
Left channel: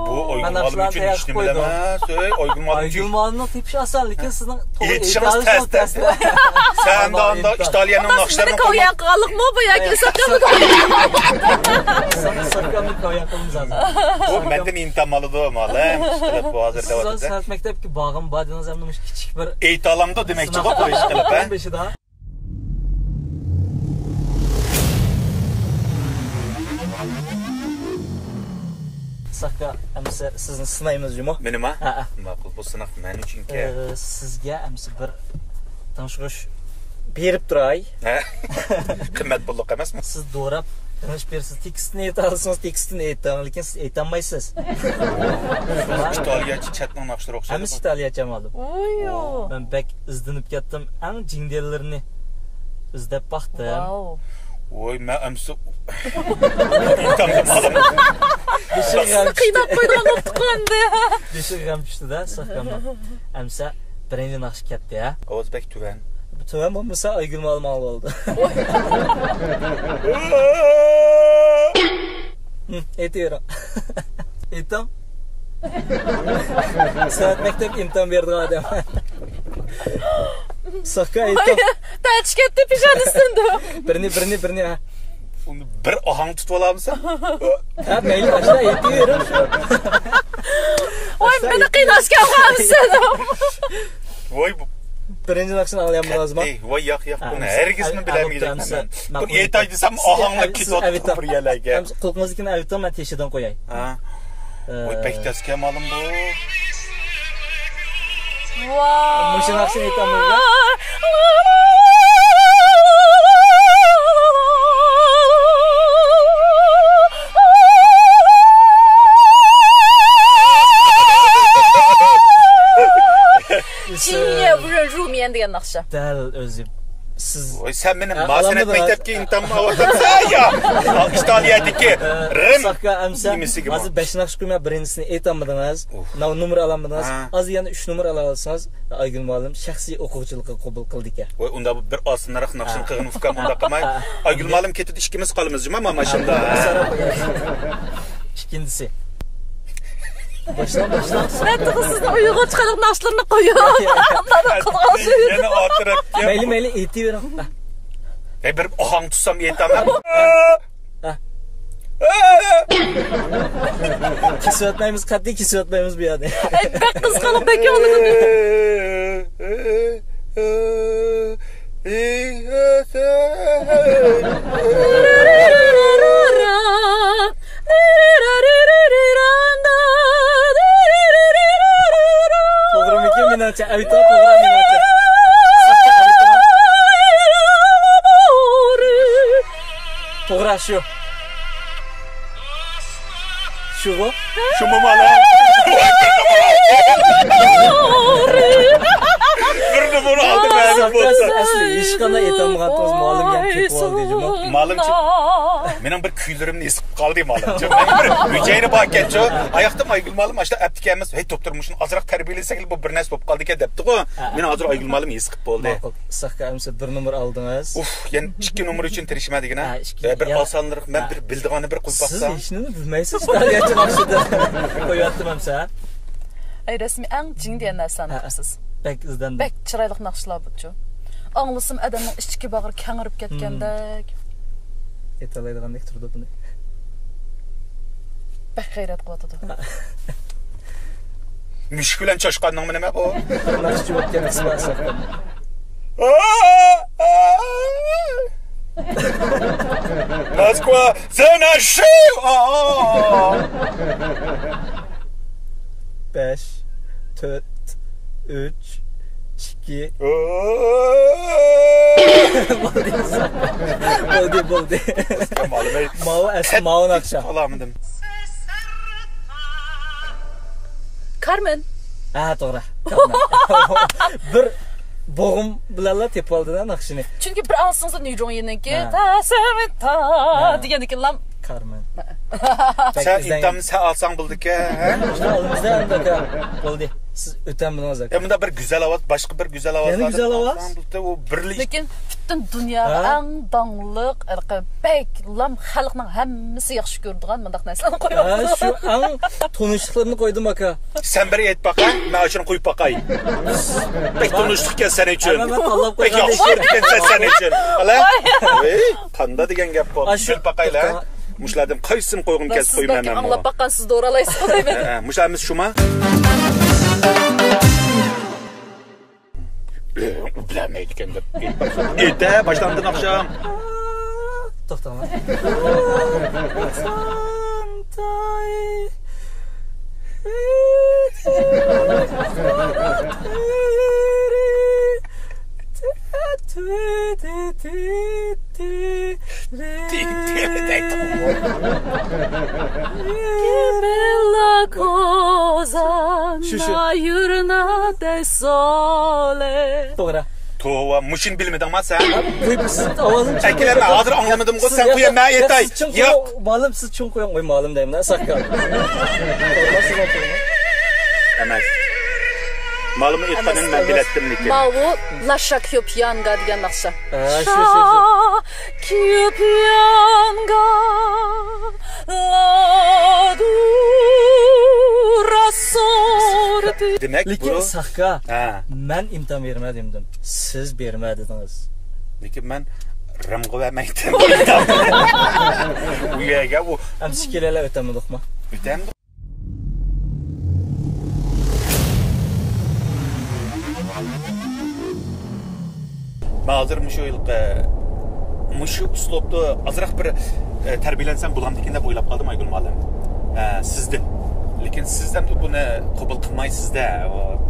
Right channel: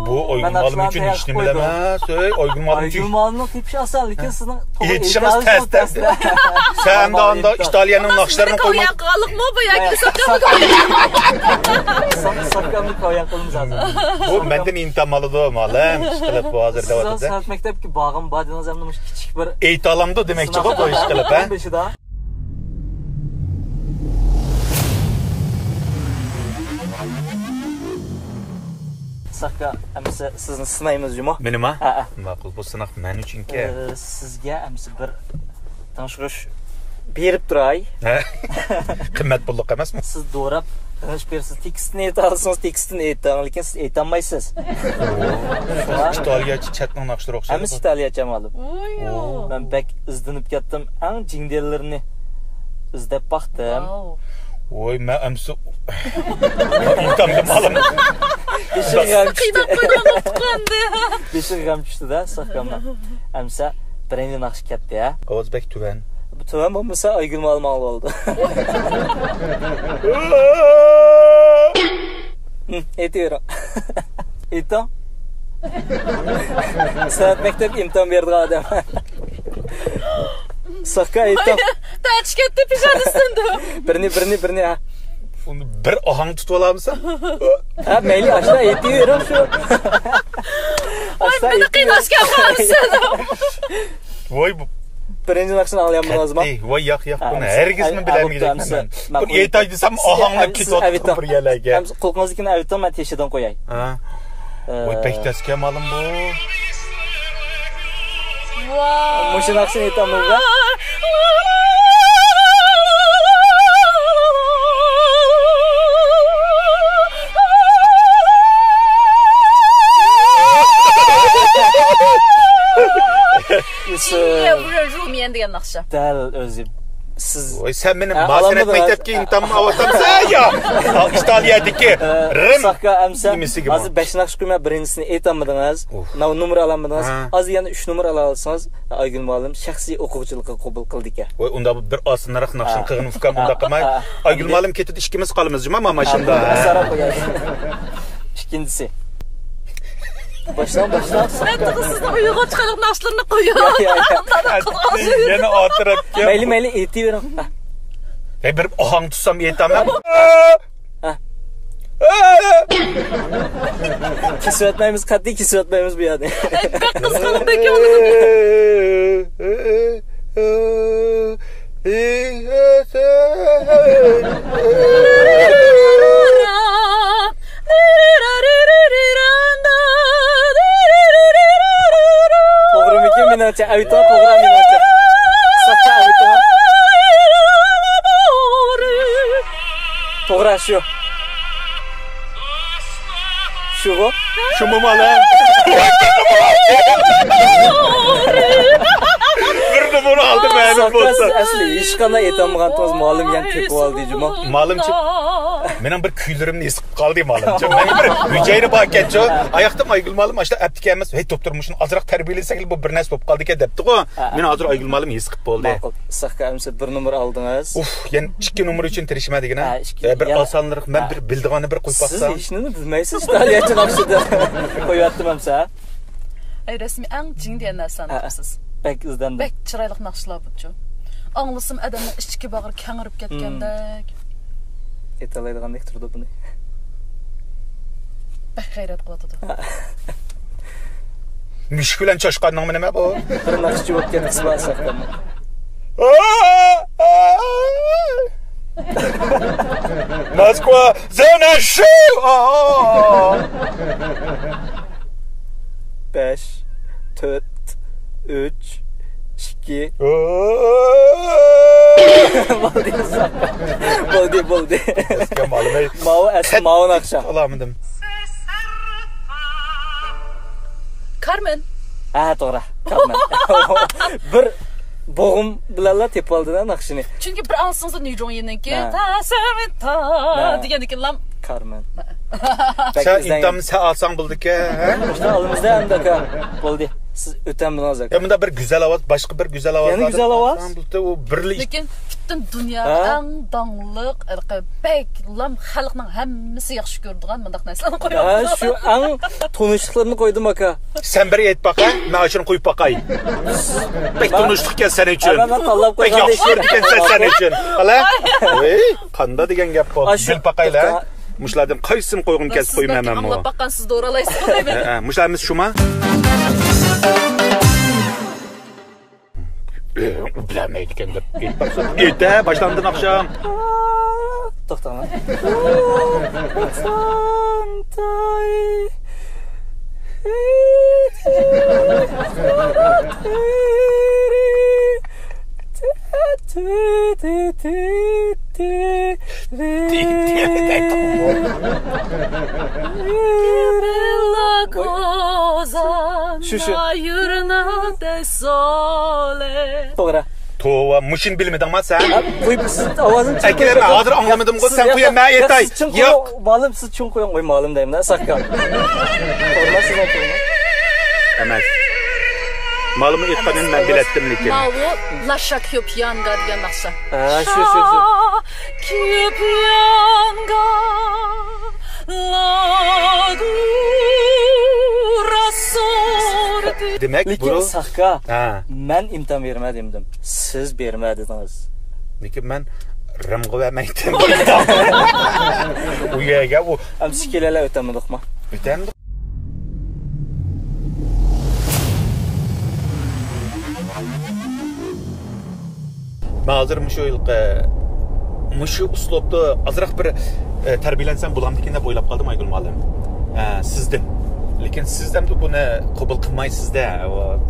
bu Aygülmalım için hiç nima emas. Aygülmalım için. Aygülmalımning tepishi oson, lekin sizning yetishimiz test. Sen de anda İtalyanın naqshlarını qo'ygan qolliqmi bu yoki saqqamni saqqamni qo'ygan qilamiz hozir. Bu menden intamalıdı malım. İşte bu hazırda vatıda. Siz sanat maktabki bağım badiniz emnimiş kichik bir eğitalamda demekçi bu iş qilib ha. Sakka emsi sizni sınayımız jumo. Benim ha? Maqul bu sınaq men uchunki. Sizga emsi bir tanışırış berip turay. Qimmat pulliq emasmi? Siz doğrab tanış bersiz. Tekstini aytarsınız, tekstini aytang, lekin siz aytolmaysiz. İtalyacha chatning naqshlar o'xshaydi. Emsi İtalyacha ma'lum. Oy. Ben bek izlanib ketdim. Eng jindellerini izlab baxtim. Oy men amsi intamda malım. Qiynab qo'ygan o'tqandi. Beşik ham tushdi-da, saqqamdan. Amsa birinchi naqsh ketdi ya. Ovozbek tuvan. Bu tuvan bo'lmasa Aygül Malım oldu. Aytaver. Aytam. Sanat maktab imtihon berdi odam. Sakka aytam. Taç ketdi pijani üstünde. Birini ha. Onu bir ohang tutib olamsan? Ha, mayli aşağı aytaverim shu. Voy, meni qiynashga qolsin. Voy bu birinchi naqshni olyapman hozir. Voy yo'q buni hergisni bilmayman. Bu aytay desam ohangni ketib bir yerlarga. Qo'lqingizni aytam, men teshidan qo'yay. Ha. Voy bektasga ma'lum bu. Wow. Mushu naqshni aytamiz. Jiye Wen Ru Mian degan naqsha. Dal o'zi siz Oy sen benim masenet mektepke imtihanımı avatamsan ya. İtaliyadaki Rim. Saqqa amsa. Nimesi gibi? Hozir 5 naqsh qo'yma birincisini aytolmadingiz. Nav nomer olamadingiz. Hozir yana 3 nomer ola olsangiz, Aygul muallim shaxsiy o'quvchilikka qabul qildik ya. Oy unda bir asınlarak naqshin qilgin ufkam unda qilmay. Aygul muallim ketdi ikkimiz qolamiz juma mashunda. İkincisi. Baştan. Sen sizni uyuğa chiqariq naqshlarni qo'ying. Yana otirib. Mayli aytavering. Hey bir ohang tutsam aytaman. Kesiyotmaymiz, qat'iy kesiyotmaymiz bu yerda. Bek qizg'anib bekolini. To'g'rimi menimcha ayto to'g'ri menimcha. Saqqa ayto. To'g'ri shu. Shugo? Şumu mala. Bir numara aldı benim bolsa. Asli hech qanday aytolmagan to'z muallim ham ketib oldi juma. Malımçı. Mening bir kuylarimni esib qoldi malımçı. Men bir hücayni bor ekancho. Ayaqda Aygul muallim ashla aptika emas. Hey doktormushun azroq tarbiyalasak bu bir narsa bo'lib qoldi ekan debdi-ku. Men hozir Aygul muallim esib bo'ldi. Saqqa amsa 1 nomer oldingiz. Uf, yana 2 nomer uchun tirishmadigina. Bir osonlik men bir bildig'ini bir qo'yib Siz baqsam. hech nima bilmaysiz, tariyachi naqshida qo'yaptim amsa. Ay rasmiy ang jing degan narsani qilsiz. Bek izdandim. Bek chiroyli naqshlar buchu. Anglasam adamning ichki bag'ri kangirib ketgandek. Aytalaydigandek turdi buni. Bek g'ayrat qilyotdi. Mushkulan choshqanning nima bu? Naqshchi o'tgan qismat saqqa. Moskva, zanashib. 5 4 3 2 Bo'ldi. Malımay. Mao naqsha. Olamadım. Carmen. To'g'ri. Carmen. Bir bo'g'im bilanlar tepib oldilar naqshini. Chunki bir ansingizda Nijongyeniki ta sevita degan ekanlar. Carmen. Sen imtihanını sen alsan bulduk ya. İşte alimizda andaka bo'ldi. Siz o'tamdingiz aka. Bunda bir güzel avaz, başka bir güzel avaz. Yani güzel avaz. O birli. Lekin butun dunyoda eng dongliq bek lam xalqning hammasi yaxshi ko'radigan mundaq narsalarni qo'yapsiz. Shu ang tunishliqlarni qo'ydim aka. Sen bir et baka, ben şunu koyup bakayım. Pek tunuştuk ya sen için. Pek yakışırken sen için. Hala? Kanda degen gap bu. Bil bakayla. Muşladım qaysin qo'yg'im kesib qo'ymayman men bu. Anglab baqqan siz to'g'ri olaysiz deyman. Muşlarimiz shuma? Bilamaydi ekan deb. Erta boshlandin oqshom. To'xtanglar. Bella cosa nayurna de sole. To'g'ri. Tova mushin bilmedingmi sen? Siz ovozim Akilama hozir anglamadim ku sen qo'ya men aytay. Yo'q, ma'lum siz chun qo'ying, qo'y ma'lum deyman, saqqa. Emas. Ma'lum aytganin men biletdim lekin. Mavu lasha kyopyanga degan naqsha. Shu. Kyopyanga la dura sorti. Demek Lekin bu saqqa. Men imtihon bermadim. Siz bermadingiz. lekin men rimg'i vermekten. Uyaga u Amsi kelalar o'tamidikmi? o'tamdi. Ben hazır şu yılki şu uslubda azroq bir tarbiyalansam bo'lamdikin deb o'ylab qoldim Aygul muallim. Sizdan. Lekin sizdan buni qabul qilmaysizda.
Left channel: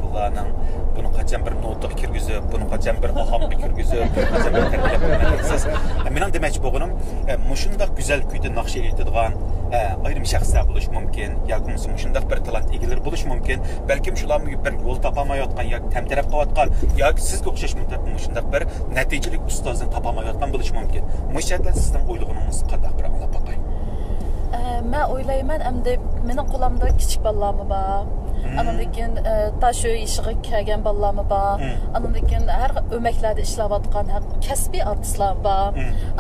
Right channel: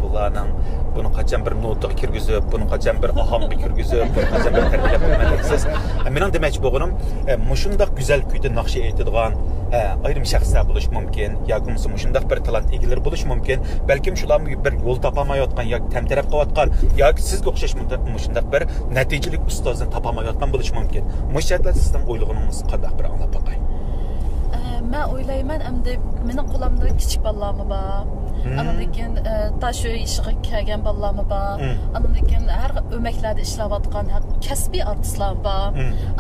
Bularning buni qachon bir notga kirgizib, buni qachon bir ohangga kirgizib, qachon bir tarbiyalab qo'ymadingiz. Mening demoqchi bo'lganim, shundoq go'zal kuyda naqsha aytadigan, ayrim şəxslər buluş mümkün, yoki shundaq bir talant egileri buluş mümkün. Balkim shularga bir yo'l topamayotgan yoki tamtaraf qilayotgan yoki sizga o'xshash shundaq bir natijali ustozni topamayotgan bo'lish mumkin. Mushaklar sizning o'ylagingiz qanday bir anglab boqay. Men o'ylayman, endi mening qo'limda kichik bolalarmi bor. Andan keyin tash ishiga kelgan bolalarmi bor. Andan keyin har o'maklarda ishlayotgan kasbiy artistlar bor.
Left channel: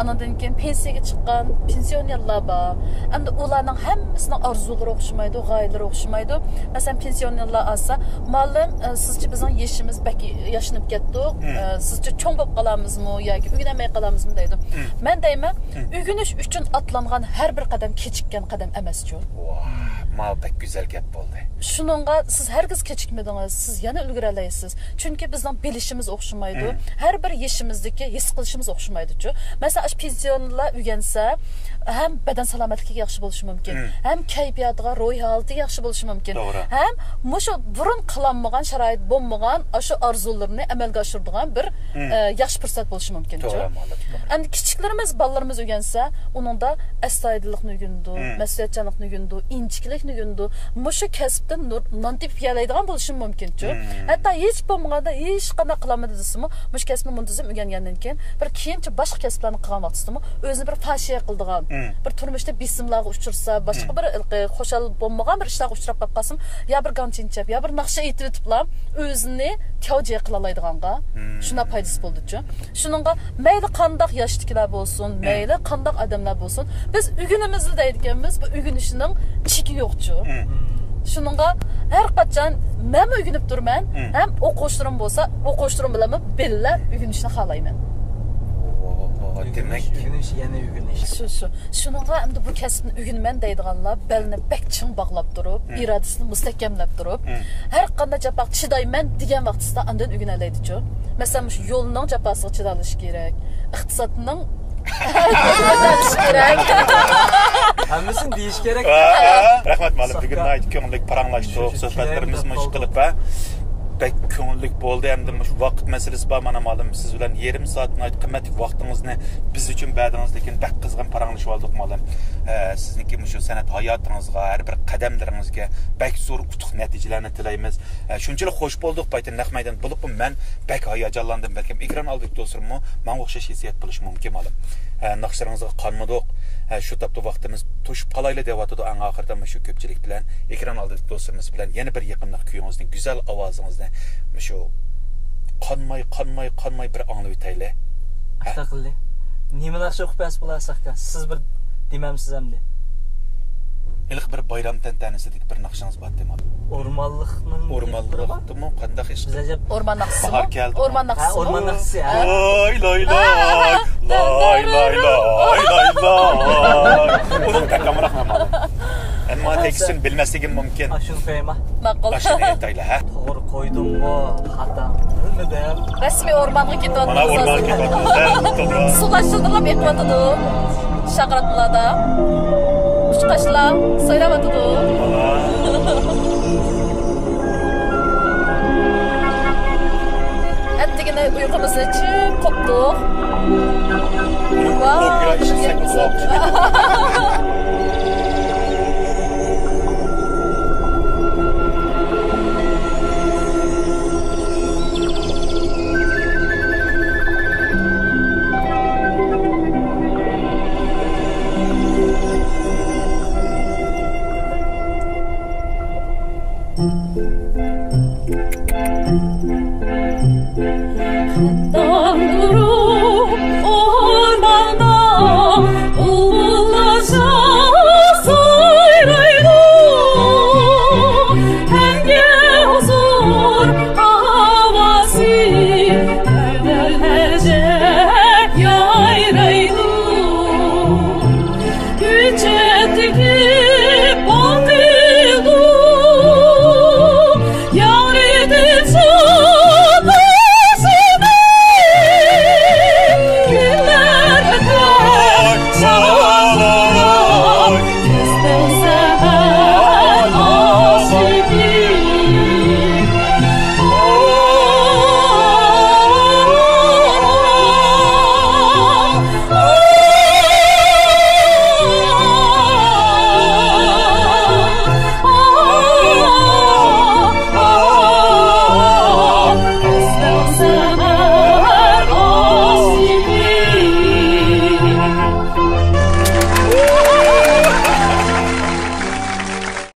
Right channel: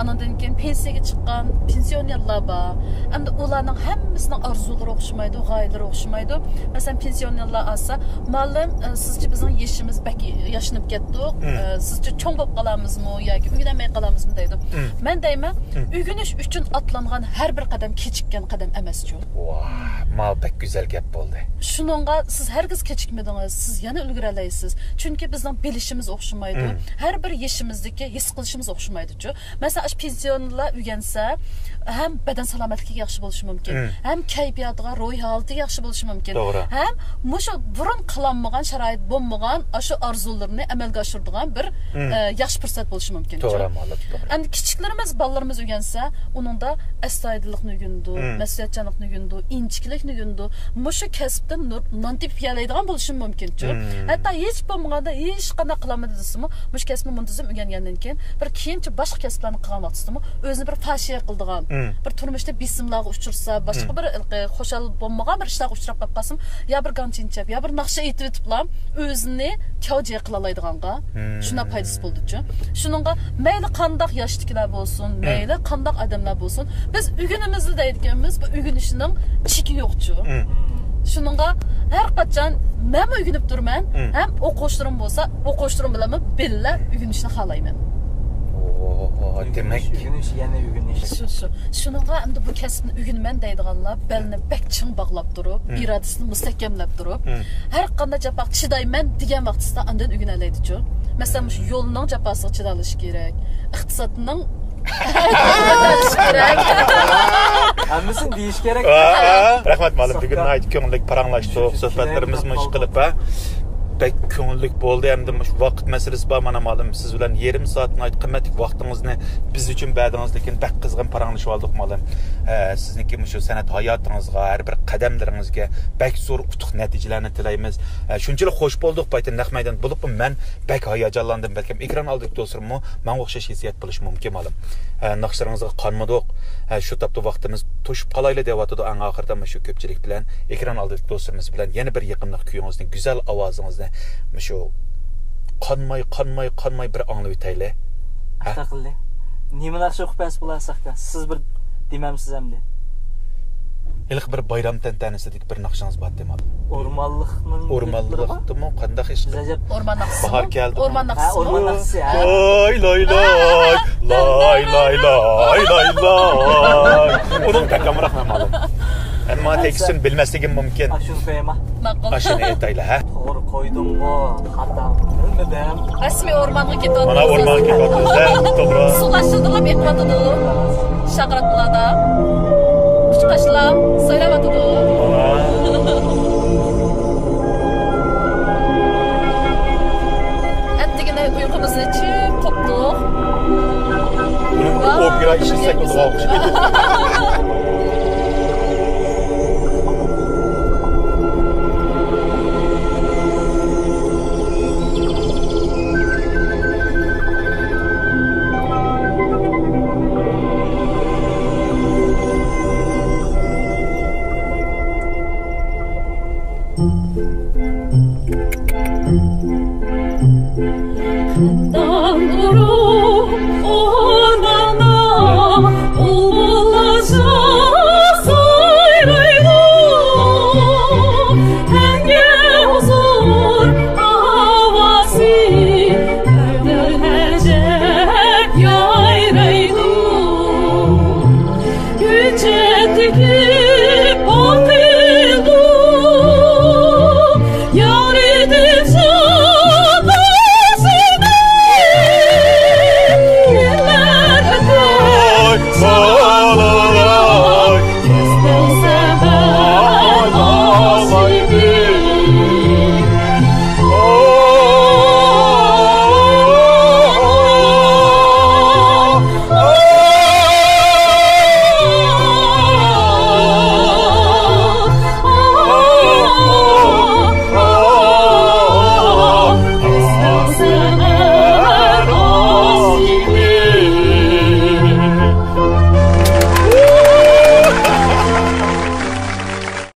Andan keyin pensiyaga chiqqan pensionerlar bor. Endi ularning hammasining orzulari o'xshamaydi, g'oyalari o'xshamaydi. Masalan, pensionerlar olsa, "Ma'lum, sizcha bizning yeshimiz bak yashnib ketdik. Sizcha cho'ng bo'lib qolamizmi yoki uyg'onmay qolamizmi?" deydi. Men deyman, uyg'onish uchun atlangan har bir qadam kechikkan qadam emas-ku. Mal pek güzel gap bo'ldi. Shuningga siz hargiz kechikmadingiz, siz yana ulgura olasiz. Chunki bizning bilishimiz o'xshamaydi. Har bir yeshimizdagi his qilishimiz o'xshamaydi-ku. Masalan, pensionerlar uygansa, ham badan salomatligiga yaxshi bo'lishi mumkin, ham kayfiyatiga, ro'y holatiga yaxshi bo'lishi mumkin. Ham mushu burun qilinmagan sharoit bo'lmagan, shu orzularni amalga oshiradigan bir yaxshi fursat bo'lishi mumkin. Endi kichiklarimiz, bolalarimiz uygansa, uningda astoydillikni o'rgandi, mas'uliyatchanlikni o'rgandi, inchiklikni o'rgandi. Mushu kasbdan non tepib yalaydigan bo'lishi mumkin-ku. Hatto hech bo'lmaganda hech qanday qilamadi desimi, mush kasbni muntazam o'rgangandan keyin bir keyincha boshqa kasblarni qilgan vaqtida o'zini bir fashiya qildigan, bir turmushda bisimlarga uchirsa, boshqa bir xo'shal bo'lmagan bir ishlarga uchrab qolsam, ya bir ganchinchab, ya bir naqsha aytib o'tiblar, o'zini kavja qila oladiganqa shuna foydasi bo'ldi-ku. Shuningga mayli qandoq yoshliklar bo'lsin, mayli qandoq odamlar bo'lsin, biz ugunimizni deydiganmiz, bu ugunishning cheki yo'q-ku. Shuningga har qachon men ugunib turman, ham o'quvchilarim bo'lsa, o'quvchilarim bilan birga ugunishni xohlayman. Demek yana ugunish. Shuningga endi bu kasbni ugunman deydiganlar belni bek ching bog'lab turib, irodasini mustahkamlab turib, har qanday jafoq chidayman degan vaqtida undan ugunalaydi-ku. Masalan, shu yo'lning jafosiga chidalish kerak, iqtisodning Hammasini deyish kerak. Rahmat ma'lum. Bugun ko'ngillik paranglashdik, suhbatlarimiz mush qilib pek ko'ngillik bo'ldi. Endi shu vaqt masalasi bor. Mana ma'lum siz bilan yarim soatni qimmatli vaqtingizni biz uchun berdingiz, lekin bak qizg'in paranglashib oldik ma'lum. Sizniki shu san'at hayotingizga, har bir qadamlaringizga bak zo'r utuq natijalarni tilaymiz. Shunchalik xush bo'ldik, baytin naq maydon bo'lib men bak hayajonlandim. Balkim ekran oldida o'tiribmi, menga o'xshash hissiyat bo'lishi mumkin ma'lum. Naqshlaringizga qonmadik. Shu topda vaqtimiz to'shib qolayli deyotdi. Eng oxirida shu ko'pchilik bilan ekran oldida do'stlarimiz bilan yana bir yaqinlik kuyingizni, go'zal ovozingizni shu qonmay bir anglab o'tayli. Astaqilli. Nimalar shu qilasiz bo'larsak-da, siz bir demamsiz hamda. İlk bir bayram tantanasidagi bir naqshangiz bor demadim. O'rmonliqmi qanday ish? O'rmon naqsi. Bahor keldi. O'rmon naqsi. O'rmon naqsi. Loy loy loy. Loy loy loy loy loy. Uning takamroq ma'lum. Ammo tekstini bilmasligim mumkin. Ashun qo'yma. Ma'qul. Ashuni aytayli, ha? To'g'ri qo'ydimmi? Xatam. Nimadan? Rasmiy o'rmonga ketyapmiz. Mana o'rmonga ketyapmiz. To'g'ri. Suvlashtirib eqyotdi. Shaqratlarda. Uçqaşlar saylavatdı. Ettigine uykumuz için koptuk. Opera işi sekizde